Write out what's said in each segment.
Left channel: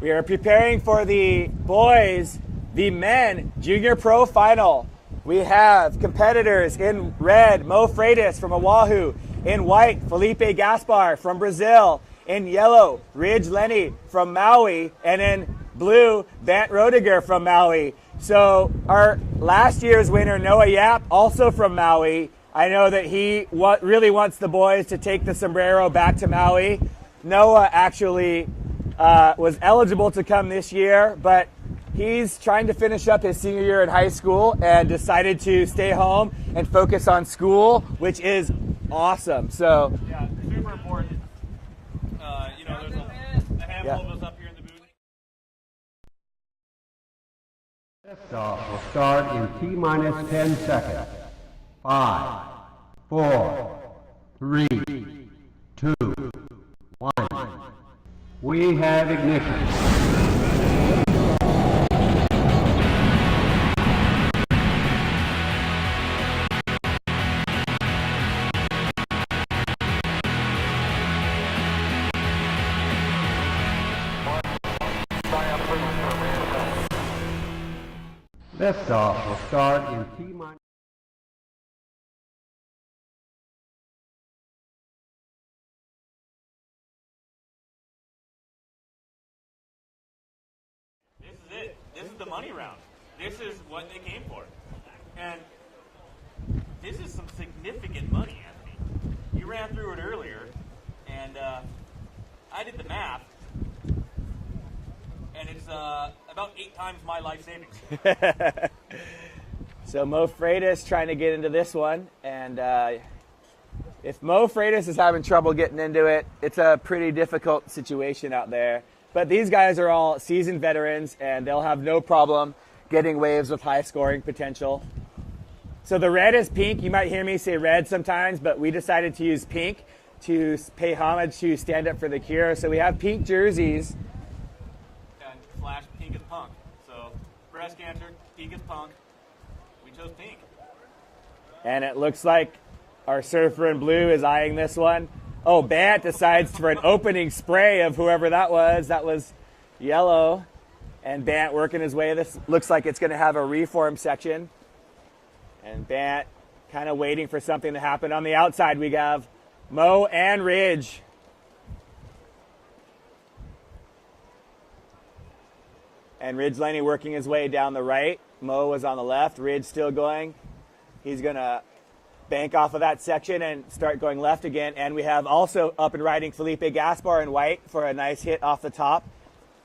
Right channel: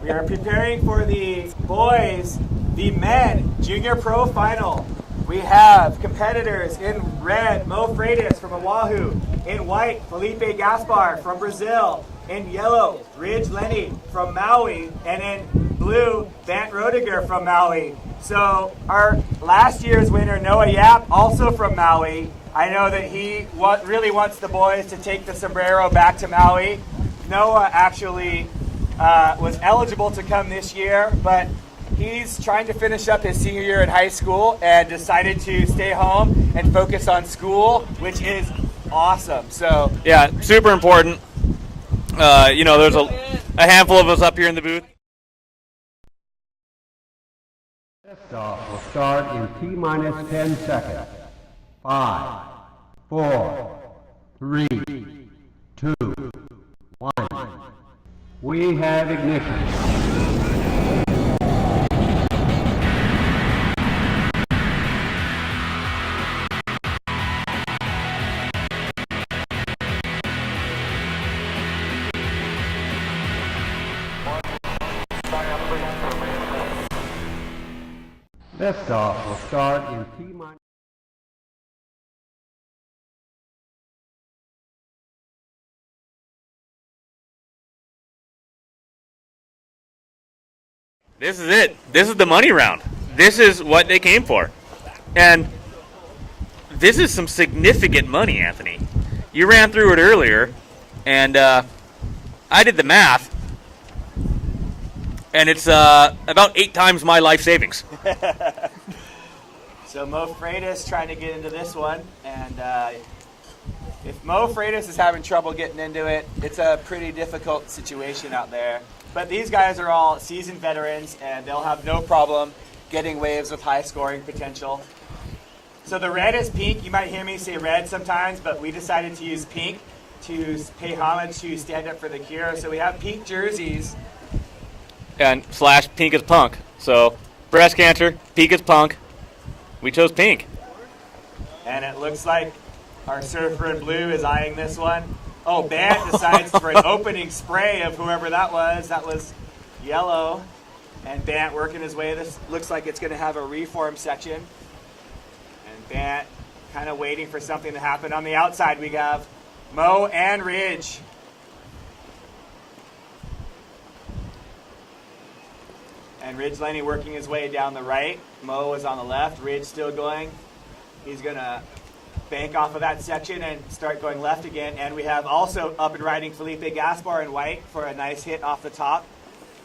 We are preparing for the boys, the men junior pro final. We have competitors in red, Mo Freitas from Oahu. In white, Felipe Gaspar from Brazil. In yellow, Ridge Lenny from Maui. And in blue, Bant Rodiger from Maui. So our last year's winner, Noah Yap, also from Maui. I know that he really wants the boys to take the sombrero back to Maui. Noah actually was eligible to come this year, but he's trying to finish up his senior year in high school and decided to stay home and focus on school, which is awesome. So yeah, super important. There's a handful of us up here in the booth. Liftoff will start in T-minus 10 seconds. 5, 4, 3, 2, 1. We have ignition. Liftoff will start in T-minus. This is it. This is the money round. This is what they came for. And this is some significant money, Anthony. You ran through it earlier, and I did the math, and it's about 8 times my life savings. So Mo Freitas trying to get into this one, and if Mo Freitas is having trouble getting into it, it's a pretty difficult situation out there. But these guys are all seasoned veterans, and they'll have no problem getting waves with high scoring potential. So the red is pink. You might hear me say red sometimes, but we decided to use pink to pay homage to Stand Up for the Cure. So we have pink jerseys. And / pink is punk. So breast cancer, pink is punk. We chose pink. And it looks like our surfer in blue is eyeing this one. Oh, Bant decides for an opening spray of whoever that was. That was yellow. And Bant working his way. This looks like it's going to have a reform section. And Bant kind of waiting for something to happen. On the outside, we have Mo and Ridge. And Ridge Lenny working his way down the right. Mo was on the left. Ridge still going. He's going to bank off of that section and start going left again. And we have also up and riding Felipe Gaspar in white for a nice hit off the top.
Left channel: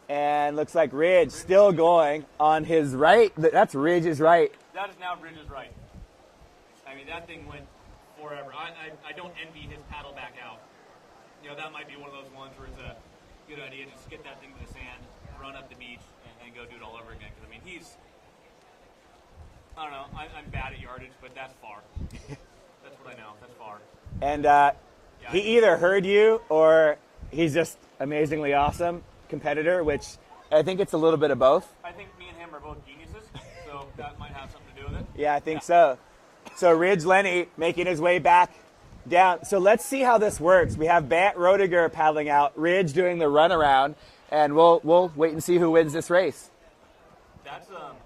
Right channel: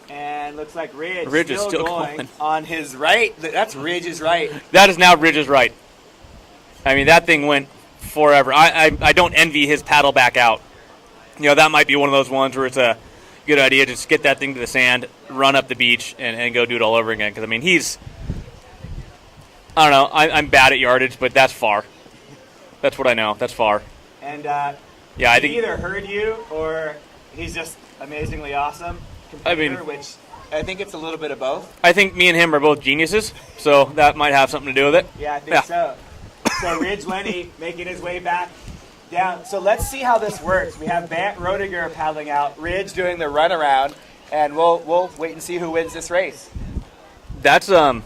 And looks like Ridge still going on his right. That's Ridge's right. That is now Ridge's right. I mean, that thing went forever. I don't envy his paddle back out. You know, that might be one of those ones where it's a good idea to just get that thing to the sand, run up the beach, and go do it all over again. Because, I mean, I don't know. I'm bad at yardage, but that's far. That's what I know. That's far. And yeah, I think he either heard you or he's just amazingly awesome competitor, which I think it's a little bit of both. I think me and him are both geniuses, so that might have something to do with it. Yeah, I think so. So Ridge Lenny making his way back down. So let's see how this works. We have Bant Rodiger paddling out, Ridge doing the runaround, and we'll wait and see who wins this race. That's spot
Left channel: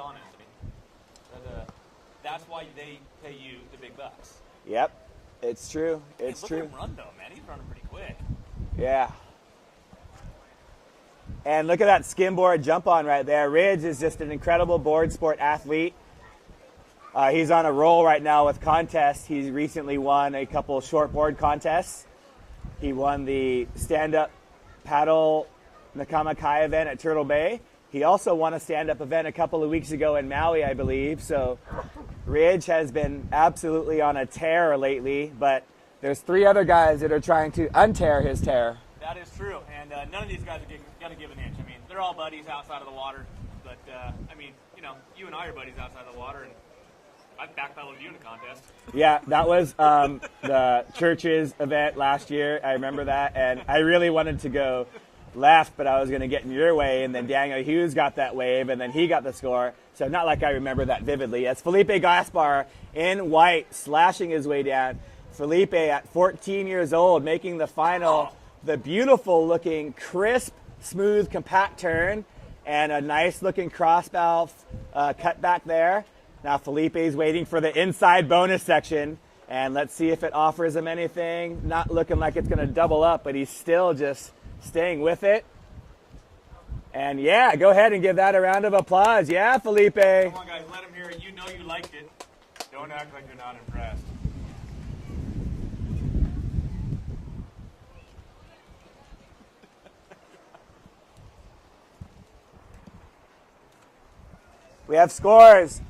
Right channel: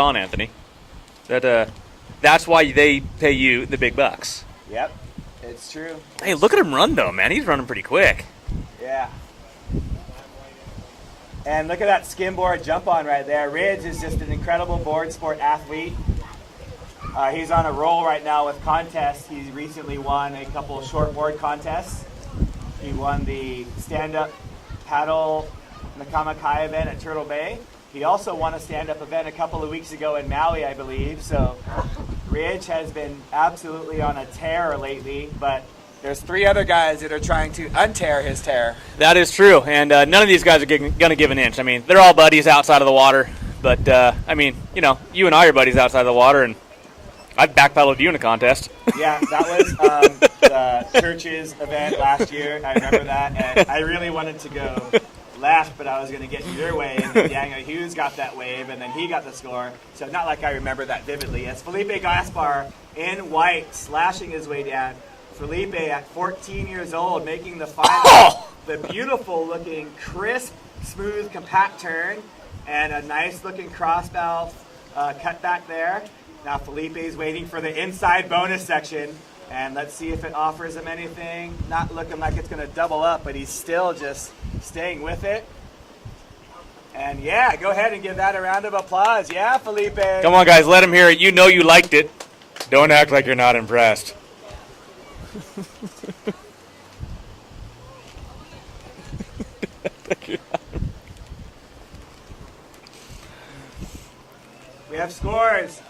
on, Anthony. That's why they pay you the big bucks. Yep, it's true. Hey, look at him run, though, man. He's running pretty quick. Yeah. And look at that skimboard jump on right there. Ridge is just an incredible board sport athlete. He's on a roll right now with contests. He recently won a couple shortboard contests. He won the stand-up paddle Nakamakai event at Turtle Bay. He also won a stand-up event a couple of weeks ago in Maui, I believe. So Ridge has been absolutely on a tear lately, but there's 3 other guys that are trying to untear his tear. That is true, and none of these guys are going to give an inch. I mean, they're all buddies outside of the water, but, I mean, you know, you and I are buddies outside of the water, and I've backpedaled you in a contest. Yeah, that was the church's event last year. I remember that, and I really wanted to go left, but I was going to get in your way, and then Daniel Hughes got that wave, and then he got the score. So not like I remember that vividly. It's Felipe Gaspar in white, slashing his way down. Felipe at 14 years old, making the final. the beautiful looking, crisp, smooth, compact turn, and a nice looking crossbow cut back there. Now Felipe's waiting for the inside bonus section, and let's see if it offers him anything. Not looking like it's going to double up, but he's still just staying with it. And yeah, go ahead and give that a round of applause. Yeah, Felipe. Come on, guys, let him hear it. You know you liked it. Don't act like you're not impressed. We have scores.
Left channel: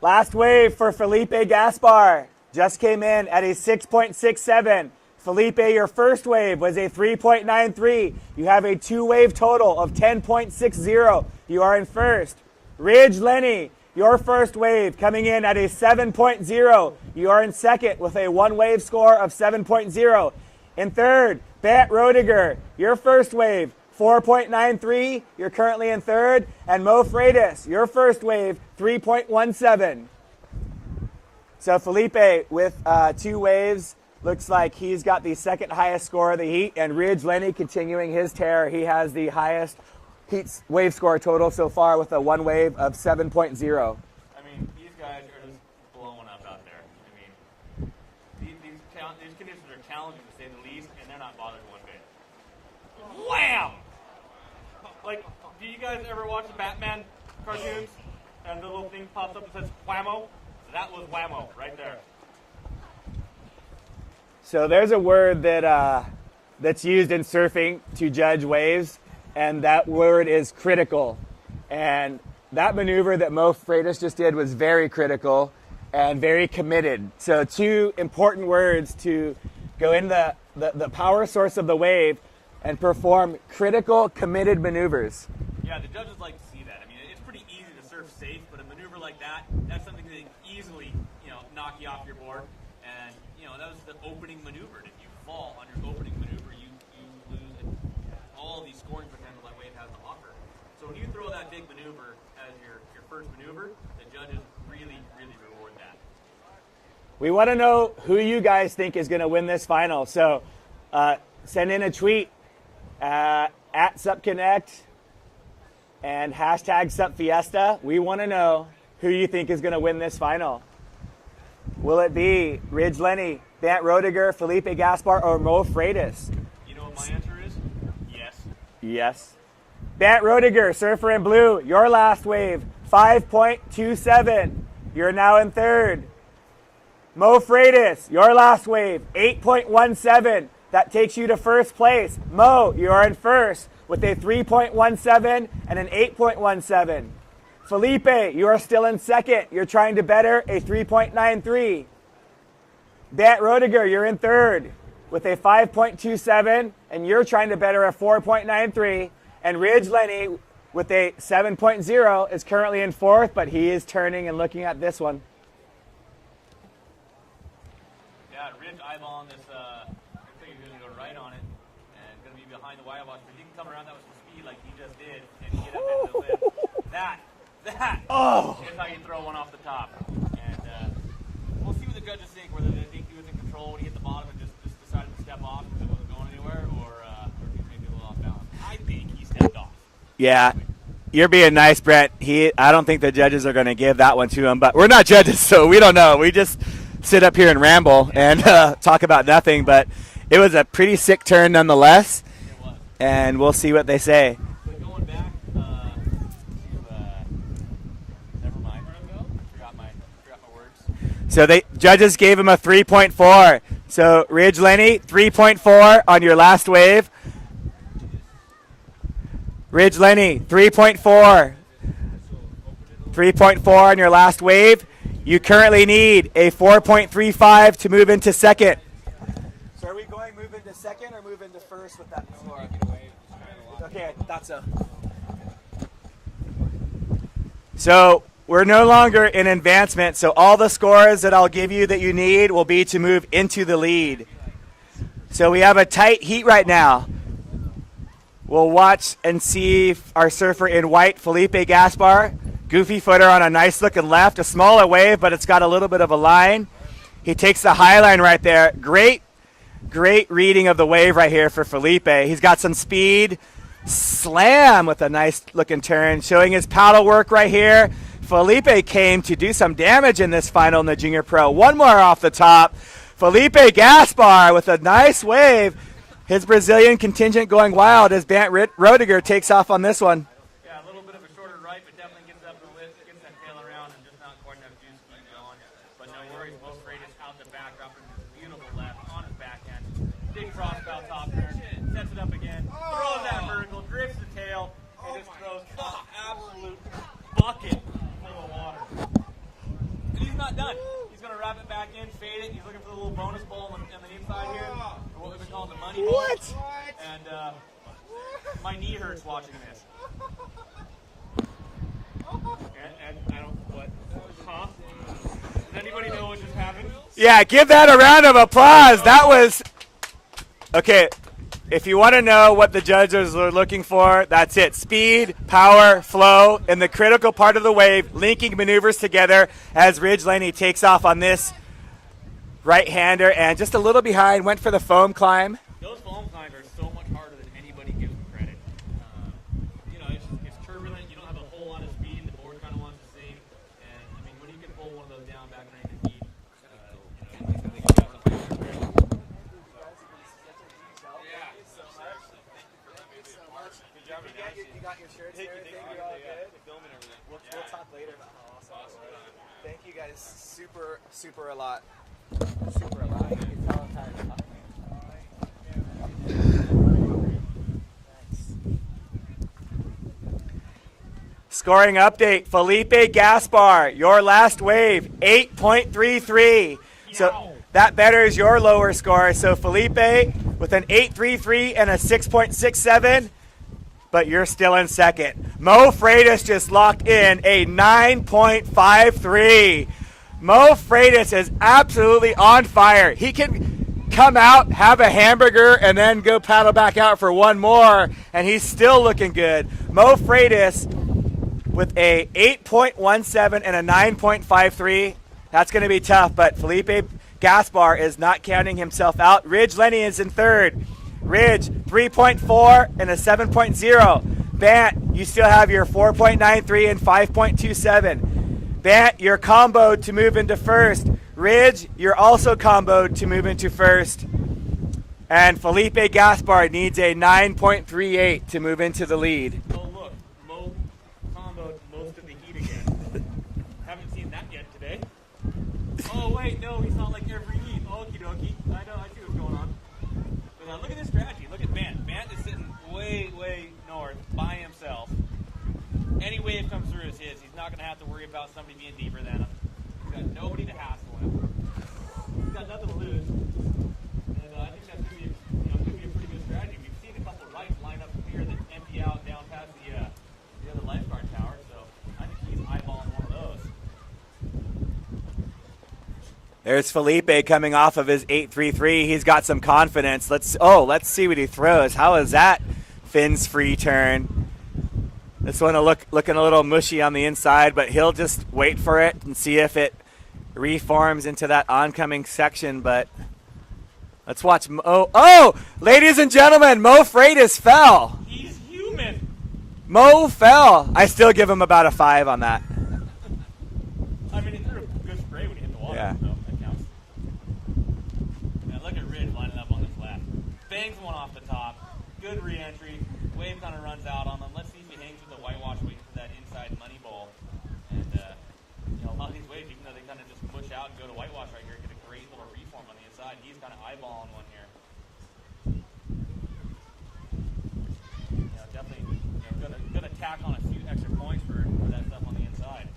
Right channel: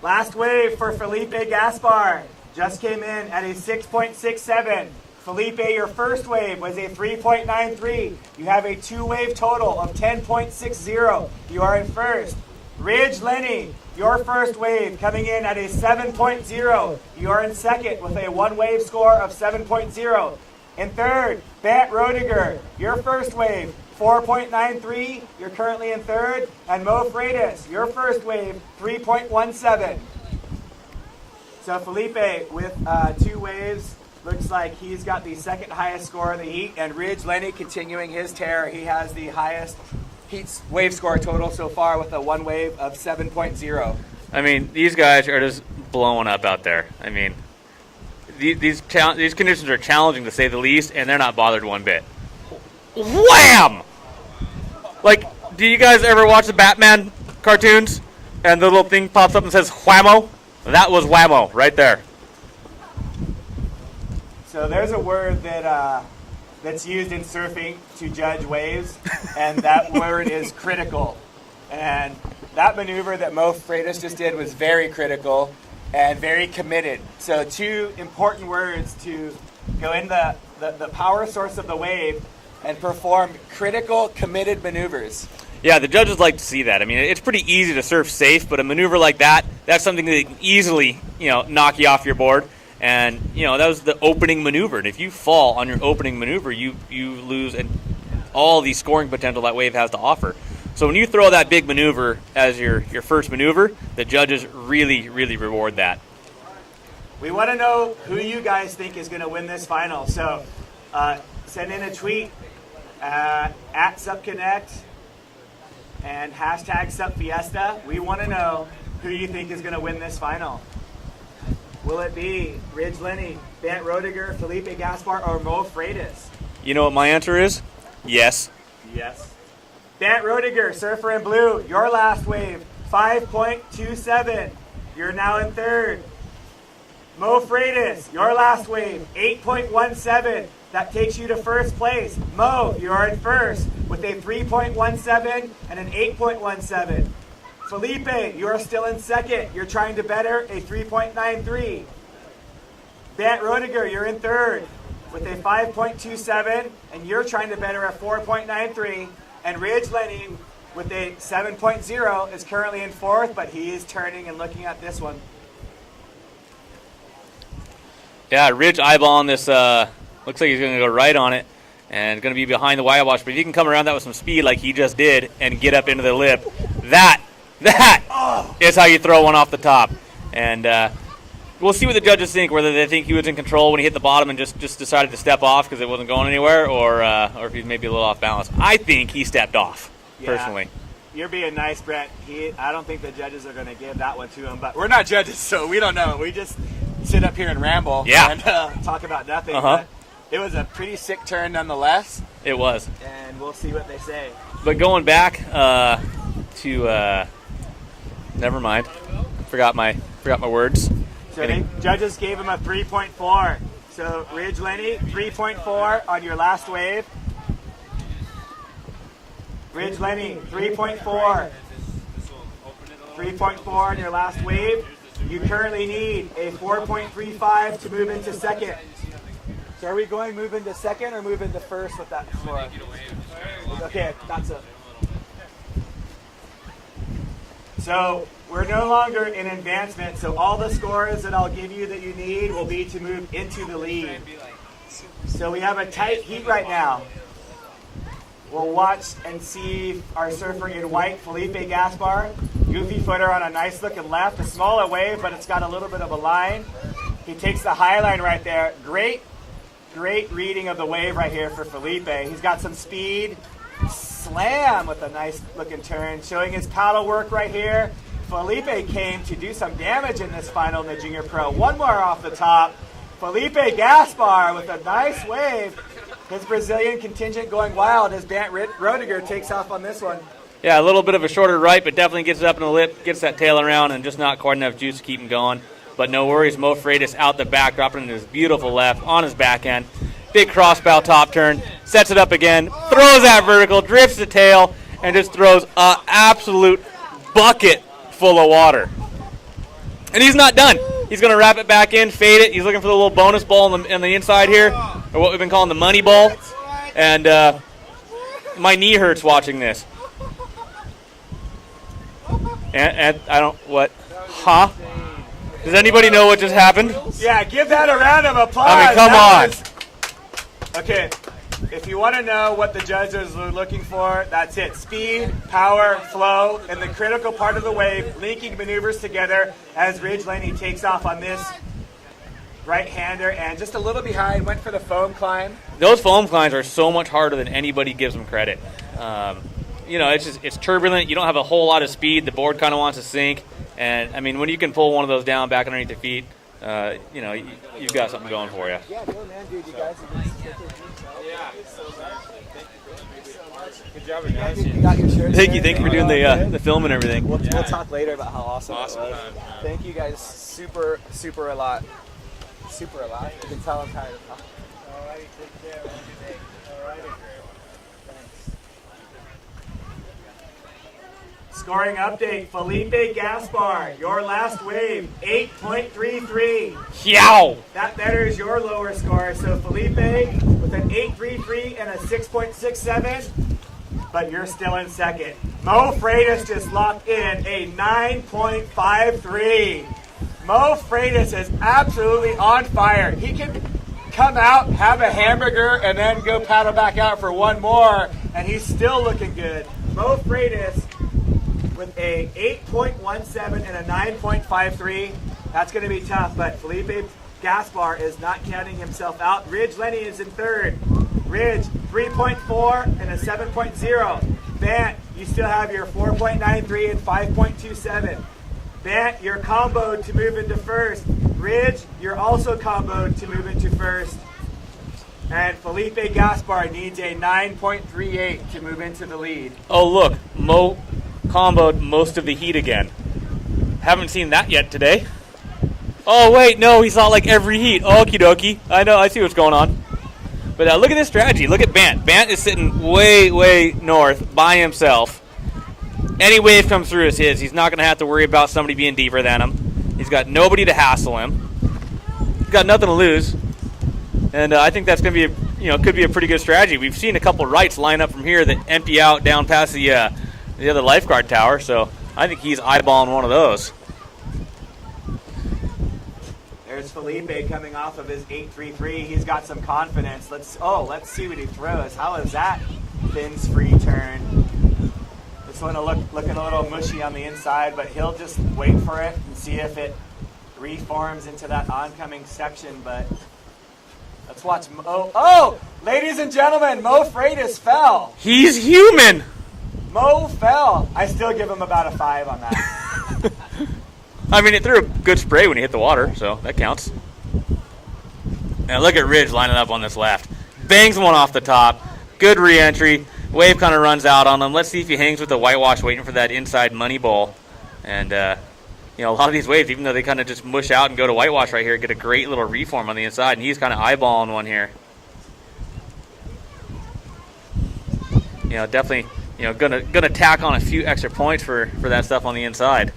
Last wave for Felipe Gaspar just came in at a 6.67. Felipe, your first wave was a 3.93. You have a two-wave total of 10.60. You are in first. Ridge Lenny, your first wave coming in at a 7.0. You are in second with a one-wave score of 7.0. In third, Bat Rodiger, your first wave, 4.93. You're currently in third. And Mo Freitas, your first wave, 3.17. So Felipe with two waves. Looks like he's got the second highest score of the heat, and Ridge Lenny continuing his tear. He has the highest heat wave score total so far with a one wave of 7.0. I mean, these guys are just blowing up out there. I mean, these conditions are challenging to say the least, and they're not bothered one bit. Wham! Like, do you guys ever watch the Batman cartoons, and the little thing pops up and says whammo? That was whammo right there. So there's a word that that's used in surfing to judge waves, and that word is critical. And that maneuver that Mo Freitas just did was very critical and very committed. So two important words to go in the power source of the wave and perform critical, committed maneuvers. Yeah, the judges like to see that. I mean, it's pretty easy to surf safe, but a maneuver like that, that's something that can easily, knock you off your board. And, that was the opening maneuver. And if you fall on your opening maneuver, you lose all the scoring potential that wave has to offer. So when you throw that big maneuver as your first maneuver, the judges really, really reward that. We want to know who you guys think is going to win this final. So send in a tweet at SupConnect and hashtag SupFiesta. We want to know who you think is going to win this final. Will it be Ridge Lenny, Bant Rodiger, Felipe Gaspar, or Mo Freitas? You know what my answer is? Yes. Yes. Bant Rodiger, Surfer in Blue, your last wave, 5.27. You're now in third. Mo Freitas, your last wave, 8.17. That takes you to first place. Mo, you are in first with a 3.17 and an 8.17. Felipe, you are still in second. You're trying to better a 3.93. Bant Rodiger, you're in third with a 5.27, and you're trying to better a 4.93. And Ridge Lenny with a 7.0 is currently in fourth, but he is turning and looking at this one. Yeah, Ridge eyeballing this. Looks like he's going to go right on it and going to be behind the wire wash. But if he can come around that with some speed like he just did and get up into the lip, that is how you throw one off the top. And we'll see what the judges think, whether they think he was in control when he hit the bottom and just decided to step off because it wasn't going anywhere, or if he's maybe a little off balance. I think he stepped off, personally. You're being nice, Brent. I don't think the judges are going to give that one to him, but we're not judges, so we don't know. We just sit up here and ramble and talk about nothing, but it was a pretty sick turn nonetheless. It was. And we'll see what they say. But going back to never mind. Forgot my words. So the judges gave him a 3.4. So Ridge Lenny, 3.4 on your last wave. Ridge Lenny, 3.4. 3.4 on your last wave. You currently need a 4.35 to move into second. So are we going move into second or move into first with that score? Okay, that's it. So we're no longer in advancement, so all the scores that I'll give you that you need will be to move into the lead. So we have a tight heat right now. We'll watch and see our surfer in white, Felipe Gaspar. Goofy footer on a nice looking left, a smaller wave, but it's got a little bit of a line. He takes the high line right there. Great Great reading of the wave right here for Felipe. He's got some speed. Slam with a nice looking turn, showing his paddle work right here. Felipe came to do some damage in this final in the Junior Pro. One more off the top. Felipe Gaspar with a nice wave. His Brazilian contingent going wild as Bant Rodiger takes off on this one. Yeah, a little bit of a shorter right, but definitely gets it up in the lip, gets that tail around, and just not quite enough juice to keep him going. But no worries, Mo Freitas out the back, dropping into his beautiful left on his back end. Big crossbow top turn, sets it up again, throws that vertical, drifts the tail, and just throws an absolute bucket full of water. And he's not done. He's going to wrap it back in, fade it. He's looking for the little bonus ball on the inside here, or what we've been calling the money ball. And my knee hurts watching this. And I don't, what? Huh? Does anybody know what just happened? Yeah, give that a round of applause. Come that on. was okay. If you want to know what the judges are looking for, that's it. Speed, power, flow, and the critical part of the wave, linking maneuvers together as Ridge Laney takes off on this right-hander and just a little behind, went for the foam climb. Those foam climbs are so much harder than anybody gives them credit. It's turbulent. You don't have a whole lot of speed. The board kind of wants to sink. And, I mean, when you can pull one of those down back underneath your feet, you've got something going for you. Good job, guys. You got your shirts. Thank you for doing the film and everything. We'll talk later about how awesome it was. Thank you guys super a lot. Super a lot. You can tell I'm tired. All right, take care. Scoring update, Felipe Gaspar, your last wave, 8.33. Yow! That betters your lower score. So Felipe with an 8.33 and a 6.67, but you're still in second. Mo Freitas just locked in a 9.53. Mo Freitas is absolutely on fire. He can come out, have a hamburger, and then go paddle back out for one more, and he's still looking good. Mo Freitas with a 8.17 and a 9.53. That's going to be tough, but Felipe Gaspar is not counting himself out. Ridge Lenny is in third. Ridge, 3.4 and a 7.0. Bant, you still have your 4.93 and 5.27. Bant, you're comboed to move into first. Ridge, you're also comboed to move into first. And Felipe Gaspar needs a 9.38 to move into the lead. Oh, look, Mo comboed most of the heat again. Haven't seen that yet today. Oh, wait, no, he saw like every heat. Okie dokie. I know, I see what's going on. But look at this strategy. Look at Bant. Bant is sitting way north by himself. Any wave comes through is his. He's not going to have to worry about somebody being deeper than him. He's got nobody to hassle him. He's got nothing to lose. And I think that's going to be, could be a pretty good strategy. We've seen a couple rights line up from here that empty out down past the other lifeguard tower. So I think he's eyeballing one of those. There's Felipe coming off of his 8.33. He's got some confidence. Let's see what he throws. How is that fins free turn? This one looking a little mushy on the inside, but he'll just wait for it and see if it reforms into that oncoming section. But let's watch. Ladies and gentlemen, Mo Freitas fell. He's human. Mo fell. I still give him about a 5 on that. I mean, it threw a good spray when he hit the water, so that counts. And look at Ridge lining up on this left. Bangs one off the top. Good re-entry. Wave kind of runs out on him. Let's see if he hangs with the whitewash waiting for that inside money ball. And, a lot of these waves, even though they kind of just mush out and go to whitewash right here, get a great little reform on the inside. And he's kind of eyeballing one here. Definitely, gonna tack on a few extra points for that stuff on the inside.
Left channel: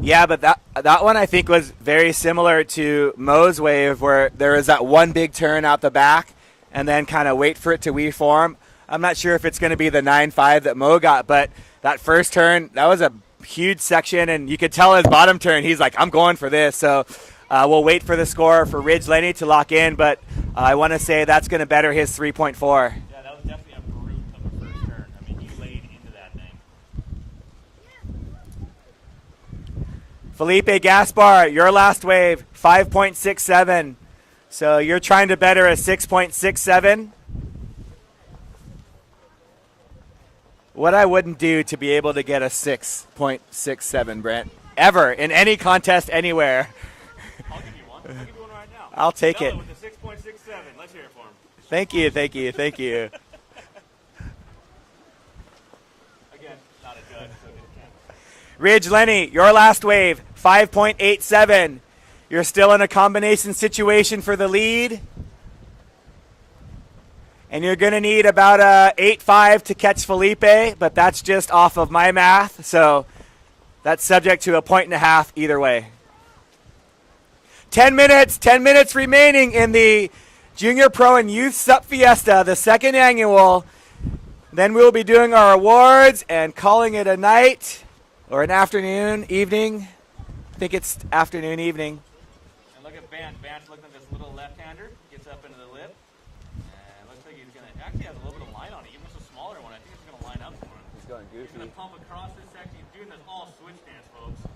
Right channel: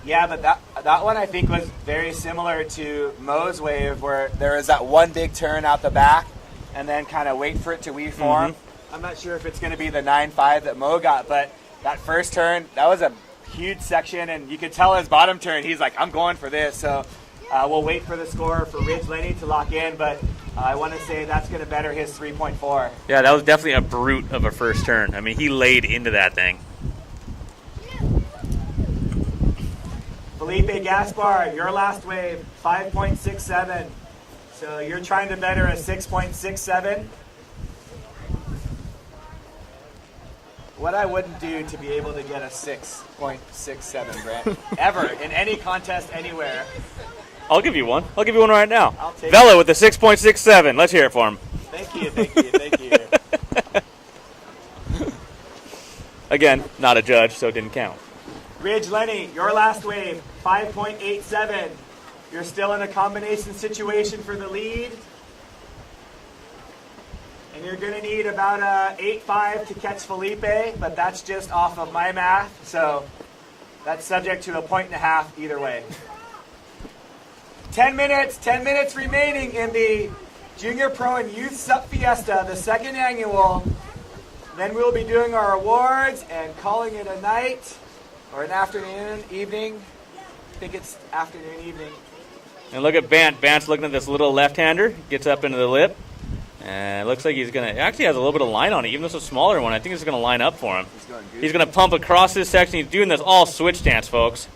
Yeah, but that one I think was very similar to Mo's wave, where there was that one big turn out the back and then kind of wait for it to reform. Mm-hmm. I'm not sure if it's going to be the 9.5 that Mo got, but that first turn, that was a huge section, and you could tell his bottom turn, he's like, I'm going for this. So we'll wait for the score for Ridge Lenny to lock in, but I want to say that's going to better his 3.4. Yeah, that was definitely a brute of a first turn. I mean, he laid into that thing. Felipe Gaspar, your last wave, 5.67. So you're trying to better a 6.67. What I wouldn't do to be able to get a 6.67, Brent, ever, in any contest anywhere. I'll give you one. I'll give you one right now. I'll take Vela it. with the 6.67. Let's hear it for him. Thank you, thank you, thank you. Again, not a judge, so it didn't count. Ridge Lenny, your last wave, 5.87. You're still in a combination situation for the lead. And you're going to need about a 8.5 to catch Felipe, but that's just off of my math, so that's subject to a 1.5 either way. 10 minutes remaining in the Junior Pro and Youth Sup Fiesta, the second annual. Then we'll be doing our awards and calling it a night or an afternoon, evening. I think it's afternoon, evening. And look at Bant. Bant's looking at this little left-hander. Gets up into the lip. And it looks like he's going to, actually has a little bit of line on it, even though it's a smaller one. I think it's going to line up for him. He's going to pump across this section. He's doing this all switch stance, folks.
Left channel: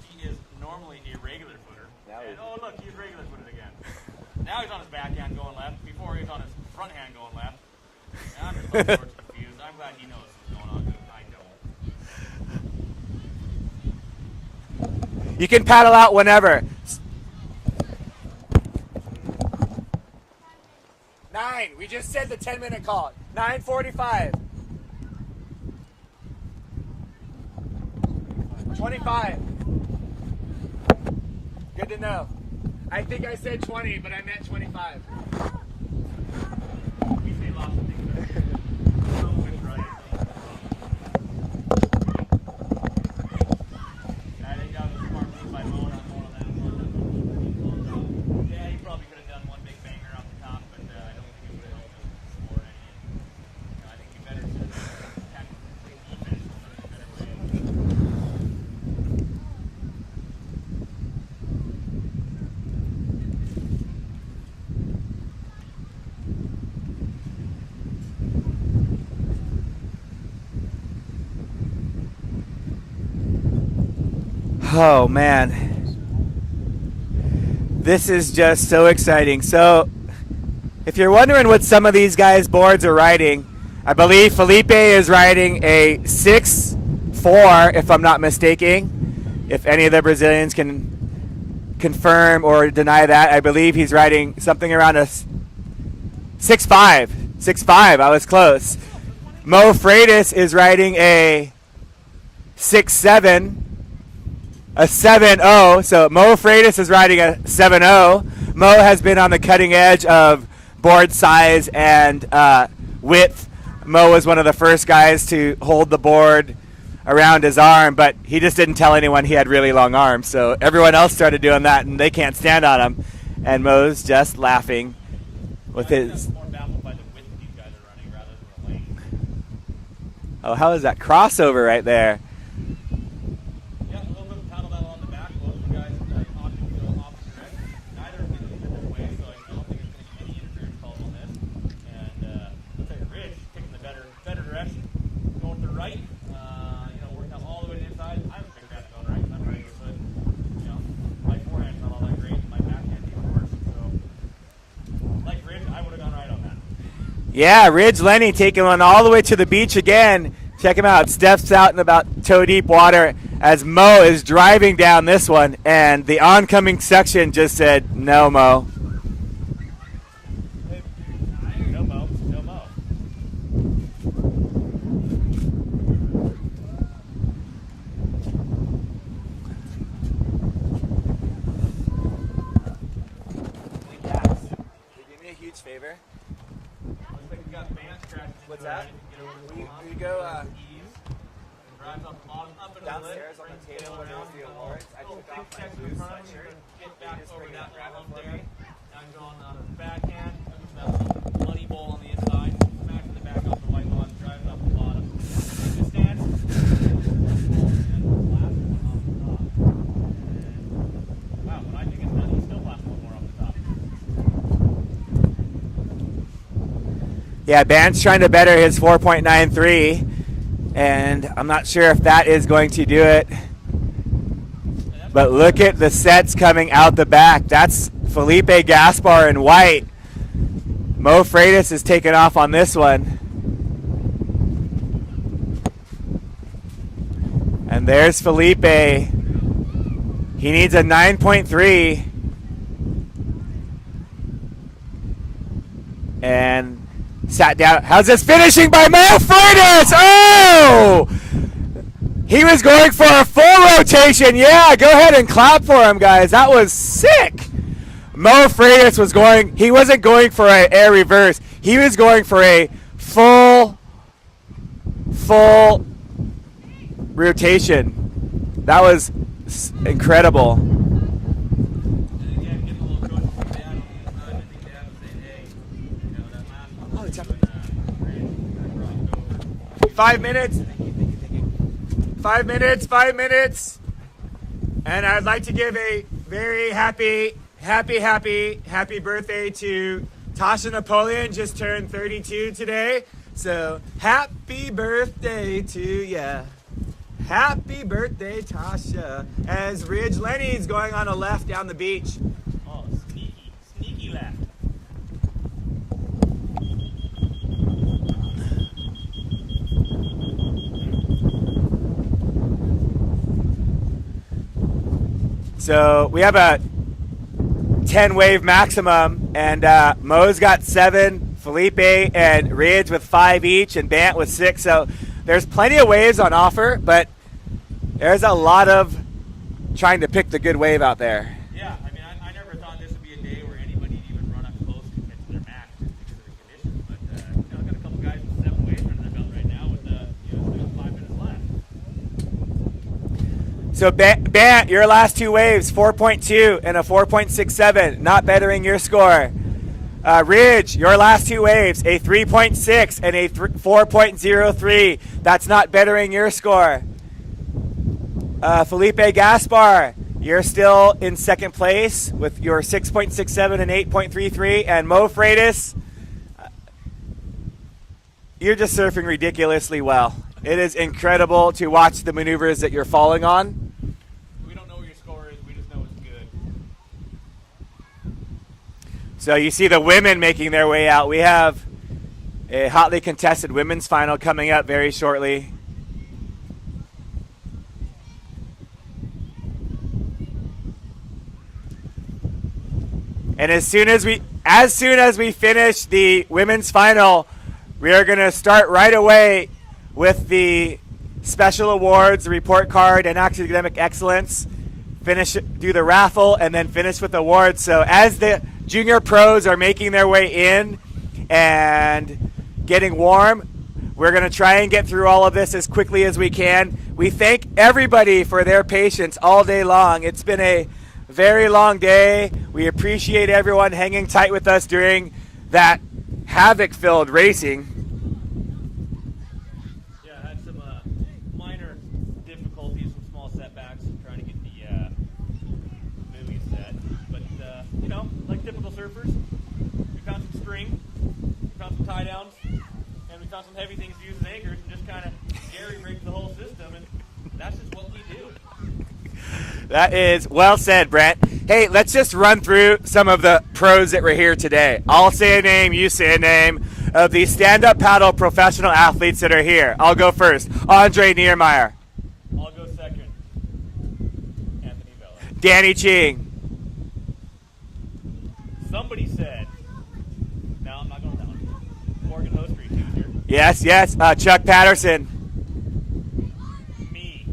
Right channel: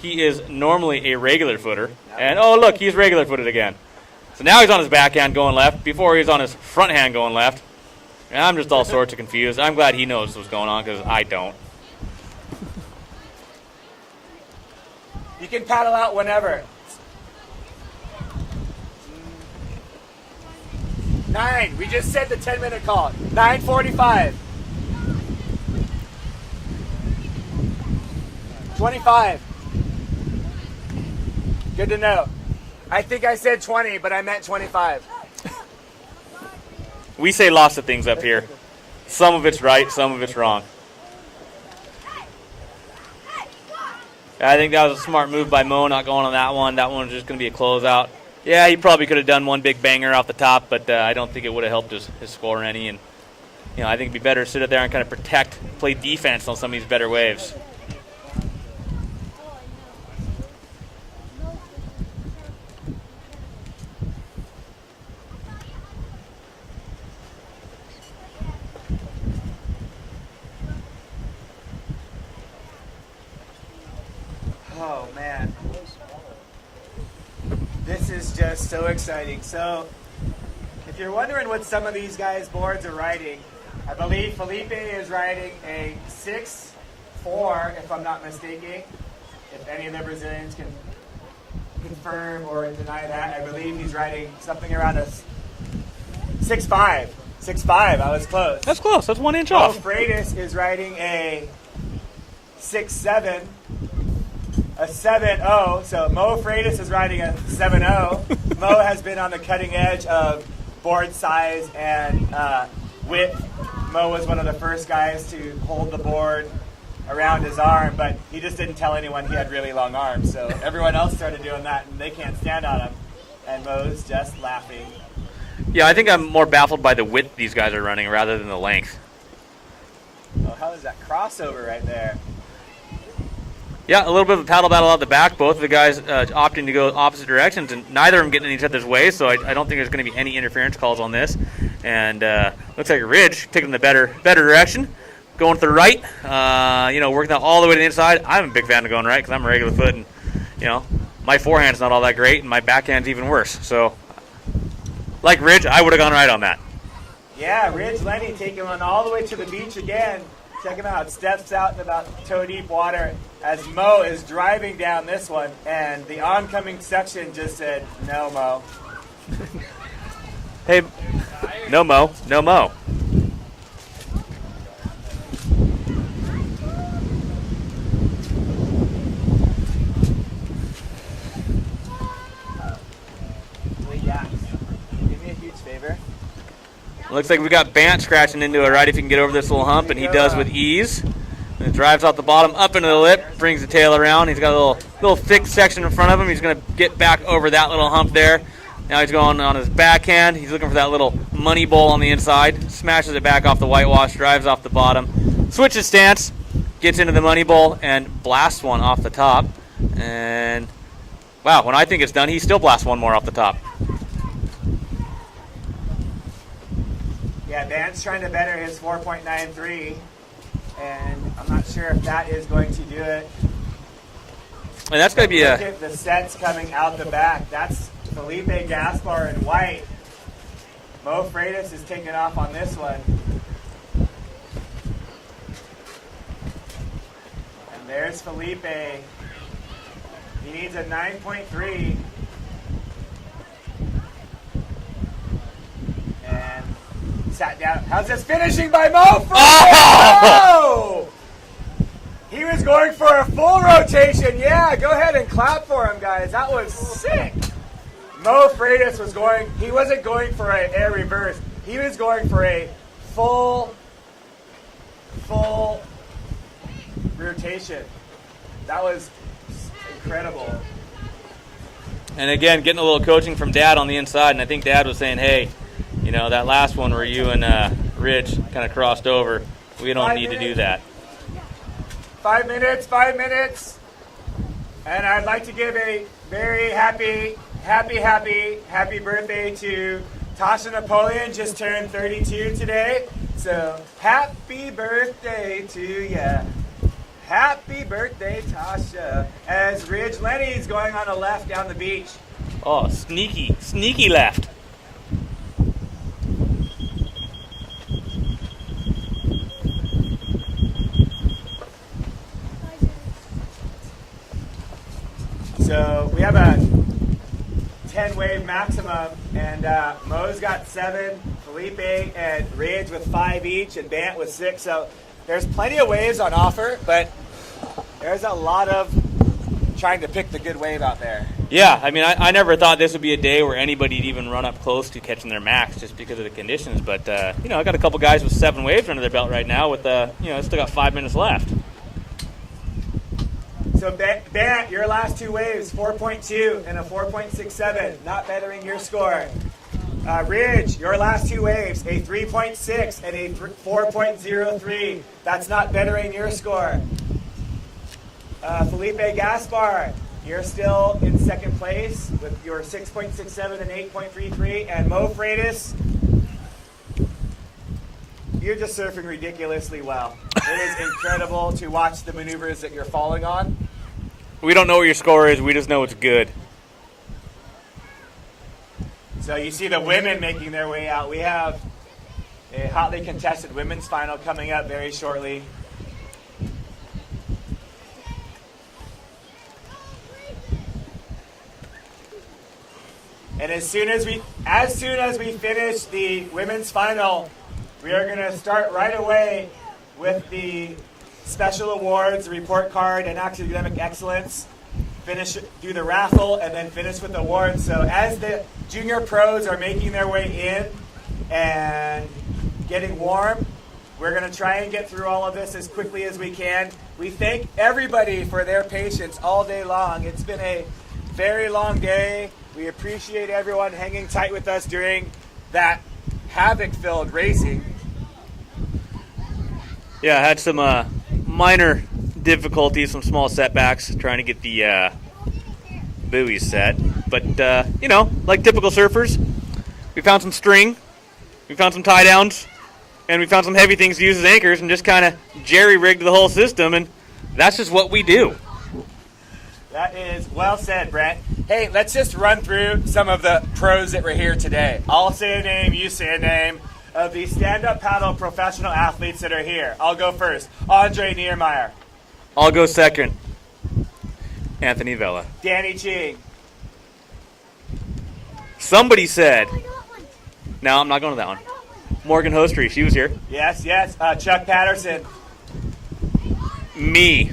He is normally a regular footer. And, oh, look, he's regular footed again. So now he's on his backhand going left. Before he was on his front hand going left. And I'm just all sorts of confused. I'm glad he knows what's going on because I don't. You can paddle out whenever. 9. We just said the 10-minute call. 9:45. 25. Good to know. I think I said 20, but I meant 25. We say lots of things up here. Some of it's right, some of it's wrong. I think that was a smart move by Mo, not going on that one. That one was just going to be a closeout. Yeah, he probably could have done one big banger off the top, but I don't think it would have helped his score any. And I think it'd be better to sit there and kind of protect, play defense on some of these better waves. Oh, man. This is just so exciting. So, if you're wondering what some of these guys' boards are riding, I believe Felipe is riding a 6.4, if I'm not mistaken. If any of the Brazilians can confirm or deny that, I believe he's riding something around a 6.5. 6.5, I was close. That's close. That's 1 inch Mo off. Freitas is riding a 6.7. A 7.0, so Mo Freitas is riding a 7.0. Mo has been on the cutting edge of board size and width. Mo was one of the first guys to hold the board around his arm, but he just didn't tell anyone he had really long arms. So everyone else started doing that, and they can't stand on him. And Mo's just laughing. Yeah, I think I'm more baffled by the width these guys are running rather than the length. Oh, how is that crossover right there? Yeah, a little bit of a paddle battle out the back. Both of the guys opting to go opposite directions, and neither of them getting in each other's way, so I don't think there's going to be any interference calls on this. And looks like Ridge taking the better direction, going to the right, working out all the way to the inside. I'm a big fan of going right because I'm a regular foot, and, my forehand's not all that great, and my backhand's even worse. So, like Ridge, I would have gone right on that. Yeah, Ridge Lenny taking one all the way to the beach again. Check him out. Steps out in about toe-deep water as Mo is driving down this one, and the oncoming section just said, no, Mo. Hey, no Mo, no Mo. Give me a huge favor. Looks like we got Bant scratching into it right if he can get over this little hump, and he does with ease. And it drives off the bottom, up into the lip, brings the tail around. He's got a little thick section in front of him. He's going to get back over that little hump there. Now he's going on his backhand. He's looking for that little money bowl on the inside. Smashes it back off the whitewash, drives off the bottom. Switches stance, gets into the money bowl, and blasts one off the top. And, wow, when I think it's done, he still blasts one more off the top. Yeah, Bant's trying to better his 4.93, and I'm not sure if that is going to do it. And that's But maybe look at the sets coming out the back. That's Felipe Gaspar in white. Mo Freitas is taking off on this one. And there's Felipe. He needs a 9.3. And sat down. How's this finishing by Mo Freitas? Oh! He was going for a full rotation. Yeah, go ahead and clap for him, guys. That was sick. Mo Freitas was going, he wasn't going for an air reverse. He was going for a full rotation. That was incredible. And again, getting a little coaching from Dad on the inside, and I think Dad was saying, hey, you know, that last one where you and Ridge kind of crossed over, we don't need to do that. 5 minutes, 5 minutes. And I'd like to give a very happy birthday to Tasha Napoleon, just turned 32 today. So happy birthday to ya. Happy birthday, Tasha. As Ridge Lenny's going on a left down the beach. Oh, sneaky left. So we have a 10 wave maximum, and Mo's got 7, Felipe and Ridge with 5 each, and Bant with 6. So there's plenty of waves on offer, but there's a lot of trying to pick the good wave out there. Yeah, I mean, I never thought this would be a day where anybody'd even run up close to catching their max just because of the conditions. But, you know, I got a couple guys with 7 waves under their belt right now with, you know, still got 5 minutes left. So, Bant, your last 2 waves, 4.2 and a 4.67, not bettering your score. Ridge, your last 2 waves, a 3.6 and a 4.03. That's not bettering your score. Felipe Gaspar, you're still in second place with your 6.67 and 8.33. And Mo Freitas, you're just surfing ridiculously well. It is incredible to watch the maneuvers that you're falling on. We don't know what your score is. We just know it's good. So you see the women making their way out. We have a hotly contested women's final coming up very shortly. And as soon as we finish the women's final, we are going to start right away with the special awards, the report card, and academic excellence. Do the raffle, and then finish with awards. So as the junior pros are making their way in and getting warm, we're going to try and get through all of this as quickly as we can. We thank everybody for their patience all day long. It's been a very long day. We appreciate everyone hanging tight with us during that havoc-filled racing. Yeah, I had some minor difficulties, some small setbacks trying to get the buoys set. But, you know, like typical surfers, we found some string, we found some tie downs, and we found some heavy things to use as anchors and just kind of jerry-rigged the whole system, and that's just what we do. That is well said, Brent. Hey, let's just run through some of the pros that were here today. I'll say a name, you say a name of the stand-up paddle professional athletes that are here. I'll go first. Andre Niermeyer. I'll go second. Anthony Vella. Danny Ching. Somebody said. No, I'm not going to that one. Morgan Hostry, she was here. Yes. Chuck Patterson. Me.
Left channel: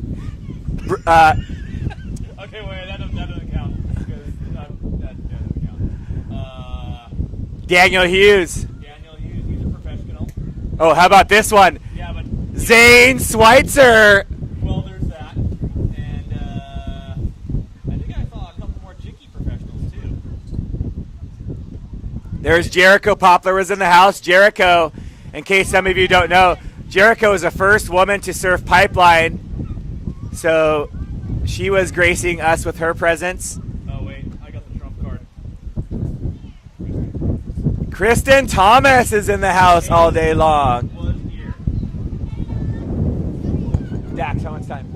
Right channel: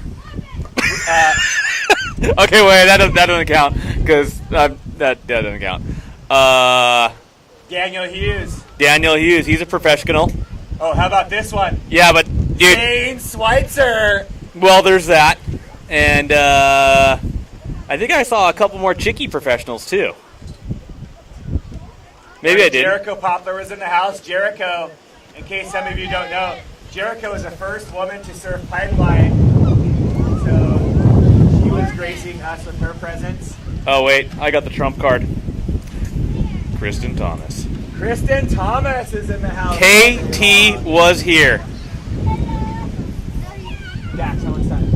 Okay, wait, that doesn't count because that doesn't count. Daniel Hughes. Daniel Hughes, he's a professional. Oh, how about this one? Yeah, but Zane Schweitzer. Well, there's that, and I think I saw a couple more Chicky professionals too. Maybe Jericho Poplar was in the house. Jericho, in case some of you don't know, Jericho was the first woman to surf pipeline, so she was gracing us with her presence. Oh, wait, I got the trump card. Kristen Thomas. Kristen Thomas is in the house all day long. KT was here. Dax, how much time?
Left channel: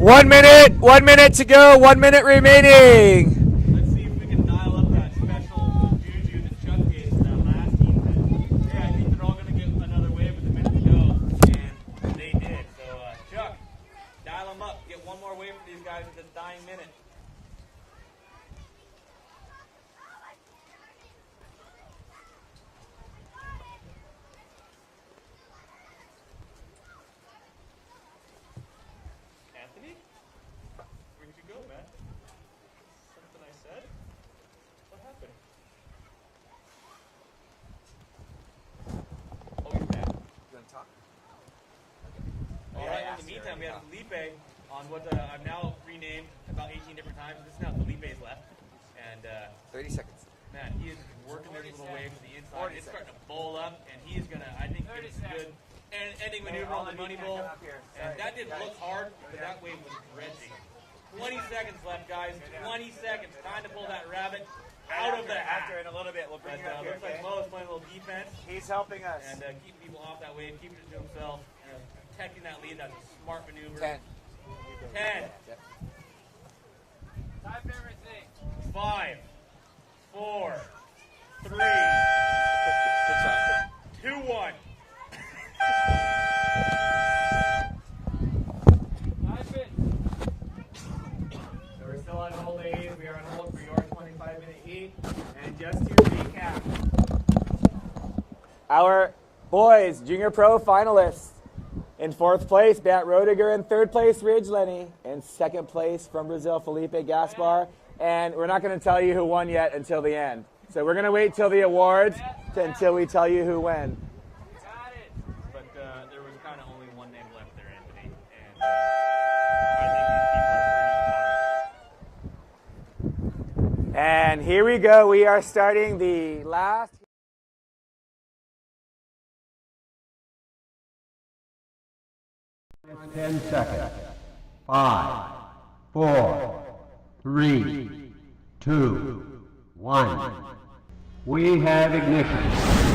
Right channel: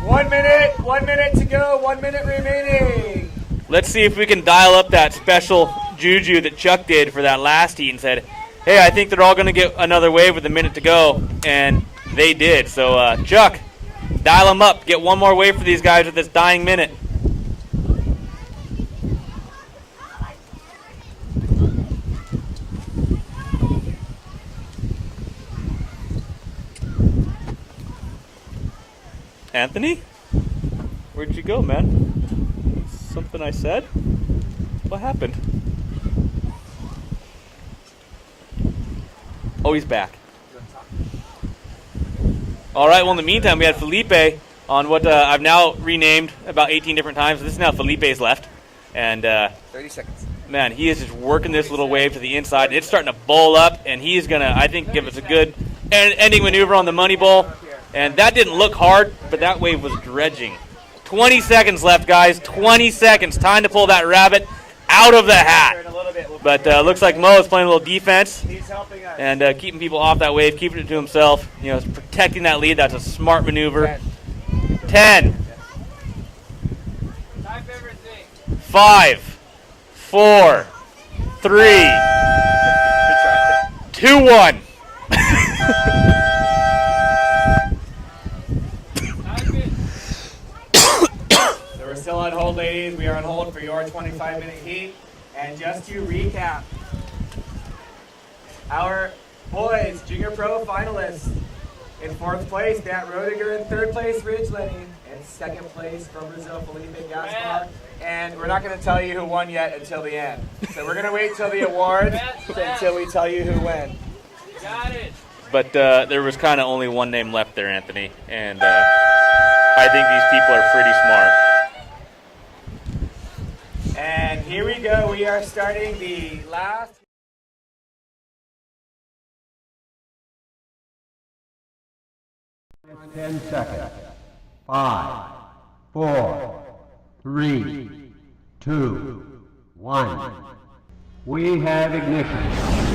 1 minute to go, 1 minute remaining. Let's see if we can dial up that special juju that Chuck did for that last heat and said, hey, I think they're all going to get another wave with a minute to go, and they did. So, Chuck, dial them up. Get one more wave for these guys with this dying minute. Anthony? Where'd you go, man? Something I said? What happened? Oh, he's back. All right, well, in the meantime, we had Felipe on what I've now renamed about 18 different times. This is now Felipe's left. And 30 seconds. man, he is just working this little wave to the inside. It's starting to bowl up, and he's going to, I think, give us a good ending maneuver on the money bowl. And that didn't look hard, but that wave was dredging. 20 seconds left, guys. 20 seconds. Time to pull that rabbit out of the hat. But looks like Mo is playing a little defense and keeping people off that wave, keeping it to himself. You know, protecting that lead. That's a smart maneuver. 10. 5, 4, 3, 2, 1. We're still on hold, ladies. We are on hold for your 25-minute heat. And just to recap, our boys junior pro finalists: in 4th place, Matt Rodiger; in 3rd place, Ridge Lenny; in 2nd place, from Brazil, Felipe Gaspar. And we're not going to tell you who won yet until the end. So we're going to wait till the awards until we tell you who won. Got it. But there was kind of only one name left there, Anthony. And I think these people are pretty smart. And here we go. We are starting the last. Minus 10 seconds. 5, 4, 3, 2, 1. We have ignition.